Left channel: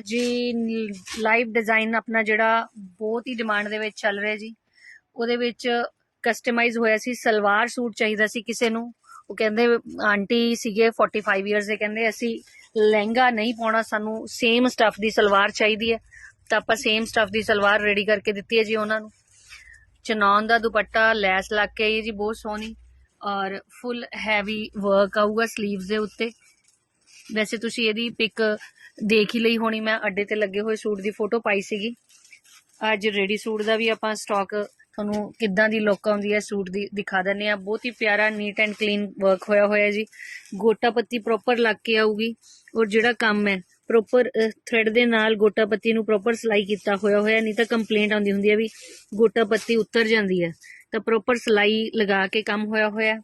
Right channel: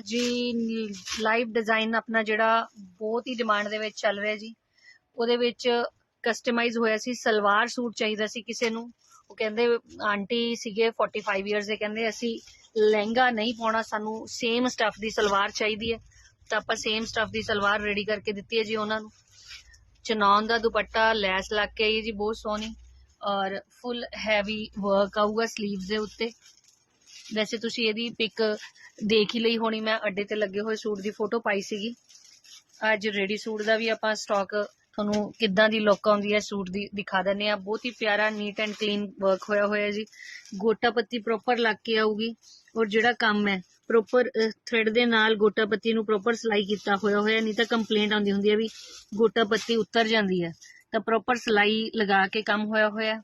ਜੀ live design ਆਪਣਾ ਜਿਹੜਾ ਬਹੁਤ ਹੀ ਡਿਮਾਂਡ ਦੇ ਵਿੱਚ ਚੱਲ ਰਿਹਾ ਜੀ। ਉਹਦੇ ਵਿੱਚ ਕਸਟਮਾਈਜ਼ ਹੋਇਆ ਸੀ, ਸਲਵਾਰ ਸੂਟ ਚਾਹੀਦਾ ਸੀ ਕਿਸੇ ਨੂੰ। ਉਹ ਕਹਿੰਦੇ ਆਂਟੀ ਸੀਗੇ 45 ਇਅਰਸ ਦੇ, ਕਹਿੰਦੇ ਅਸੀਂ ਲਹਿੰਗਾ ਨਹੀਂ ਪਾਉਣਾ, ਸਾਨੂੰ ਸੇਮ ਸਟਫ ਦੀ ਸਲਵਾਰ ਚਾਹੀਦੀ ਹੈ। ਤਾਂ ਆਪਾਂ ਸੇਮ ਸਟਫ ਦੀ ਸਲਵਾਰ ਰੈਡੀ ਕਰਕੇ ਦਿੱਤੀ ਹੈ ਜੀ ਉਹਨਾਂ ਨੂੰ। ਚਨੌਨ ਦਾ ਦੁਪੱਟਾ, ਲੈਸ ਲੱਗ ਕੇ ਆਈ ਜੀ, ਬਹੁਤ ਸੋਹਣੀ। ਔਰ ਫੁੱਲ ਹੈਵੀ ਵਰਕ ਆਊਗਾ 슬ੀਵਸ ਦੇ ਉੱਤੇ। ਵੈਸੇ ਤੁਸੀਂ ਇਹਦੀ ਪਿਕ ਦੇਖ ਹੀ ਲਈ ਹੋਣੀ, ਮੈਂ ਅੱਡੇ ਤੇ ਲੱਗੇ ਹੋਏ ਸੂਟ ਦੀ ਫੋਟੋ ਪਾਈ ਸੀਗੀ। ਅੱਜ ਰੈਡੀ ਸੂਟ ਦਾ ਵੀ ਆਪਾਂ ਸਟਾਕ ਤੁਹਾਨੂੰ ਕਿੱਦਾਂ ਦੀ ਲੁੱਕ ਆਉਂਦੀ ਹੈ ਸੂਟ ਦੀ ਦਿਖਾ ਦਿੰਨੇ ਆ ਬਹੁਤ ਹੀ ਪਿਆਰਾ ਨੀਟ ਐਂਡ ਕਲੀਨ ਵਰਕ ਹੋਇਆ ਹੋਇਆ ਜੀ। ਗੋਟਾ ਪੱਤੀ ਪ੍ਰੋਪਰ ਲੱਗ ਕੇ ਆਊਗੀ ਔਰ ਜਿਹੜਾ ਕੰਮ ਹੈ ਪ੍ਰੋਪਰ ਥ੍ਰੈਡ ਦੇ ਨਾਲ ਗੋਟਾ ਪੱਤੀ ਨੂੰ ਪ੍ਰੋਪਰ ਸਿਲਾਈ ਕੀਤਾ ਹੋਇਆ ਹੋਇਆ, ਨਹੀਂ ਤਾਂ ਕੰਪਲੇਂਟ ਆਉਂਦੀ ਹੁੰਦੀ ਹੈ ਵੀ ਗੋਟਾ ਪੱਤੀ ਉੱਤਰ ਜਾਂਦੀ ਹੈ। ਤਾਂ ਪ੍ਰੋਪਰ ਸਿਲਾਈ ਲਗਾ ਕੇ ਕੰਮ ਹੋਇਆ ਹੋਇਆ।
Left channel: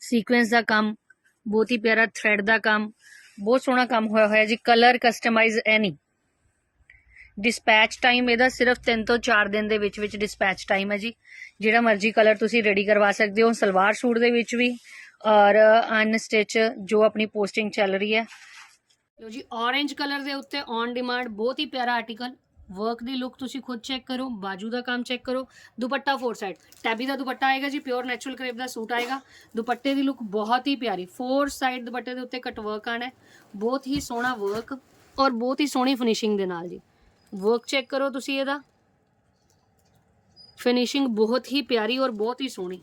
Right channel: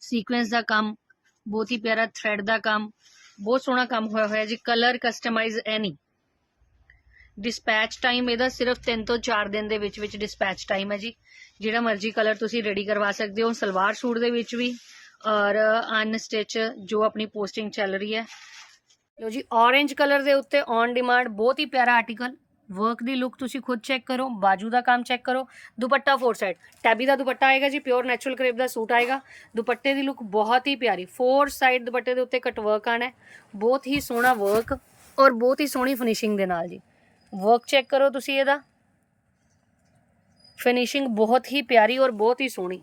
ਸੀਕੁਐਂਸ ਦਾ ਕੰਮ, ਬਹੁਤ ਹੀ ਪਿਆਰਾ ਥ੍ਰੈਡ ਦਾ ਕੰਮ ਬਹੁਤ ਸੋਹਣਾ ਕੰਮ ਹੋਇਆ ਹੋਇਆ ਜੀ colour customise any dispatch time ਇਹਦਾ ਸਿਰਫ 3 ਤੋਂ 4 ਦਿਨ ਦੇ ਵਿੱਚ ਵਿੱਚ ਡਿਸਪੈਚ ਟਾਈਮ ਹੈ ਜੀ। ਜਿਹੜਾ ਮਰਜ਼ੀ ਕਲਰ ਤੁਸੀਂ ਰੈਡੀ ਕਰਵਾ ਸਕਦੇ ਹੋ, ਸਲਵਾਰ ਸੂਟ ਦੇ ਵਿੱਚ ਵੀ ਔਰ ਅਨਸਟਿਚ ਜੋ ਆਪਣੀ ਪੋਸਟਿੰਗ ਚੱਲ ਰਹੀ ਹੈ। ਲੋ ਜੀ, orange ਕਲਰ ਦੇ ਉੱਤੇ ਔਨ ਡਿਮਾਂਡ ਬਹੁਤ ਹੀ ਪਿਆਰਾ ਆਰਟੀਕਲ ਵਰਕ ਦੀ ਲੁੱਕ ਤੁਸੀਂ ਖੁਦ ਚੈੱਕ ਕਰੋ, ਬਾਜੂ ਦਾ ਕੰਮ ਚੈੱਕ ਕਰੋ, ਦੁਪੱਟਾ ਫੋਰ ਸਾਈਡ ਟੈਬੀ ਦਾ ਦੁਪੱਟਾ ਆਏਗਾ ਜੀ ਪਿਓਰ ਨੈਚੁਰਲ ਕਰੇਪ ਦਾ ਸੂਟ ਆਏਗਾ। ਦੁਪੱਟੇ ਦੀ ਲੁੱਕ ਬਹੁਤ ਹੀ ਪਿਆਰੀ ਫੋਰ ਸਾਈਡ ਦੁਪੱਟੇ ਦੇ ਉੱਤੇ ਕਟ ਵਰਕ ਆਣਾ ਬਹੁਤ ਹੀ ਸੋਹਣਾ ਵਰਕ ਔਰ ਬਹੁਤ ਹੀ ਸੋਹਣੀ ਫਿਨਿਸ਼ਿੰਗ ਦੇ ਨਾਲ ਜੀ। ਵਰਕ ਚੈੱਕ ਕਰੋ ਤੁਸੀਂ ਇਹਦਾ। ਫਿਨਿਸ਼ਿੰਗ ਬਹੁਤ ਹੀ ਪਿਆਰੀ ਔਰ ਬਹੁਤ ਹੀ ਸੋਹਣੀ।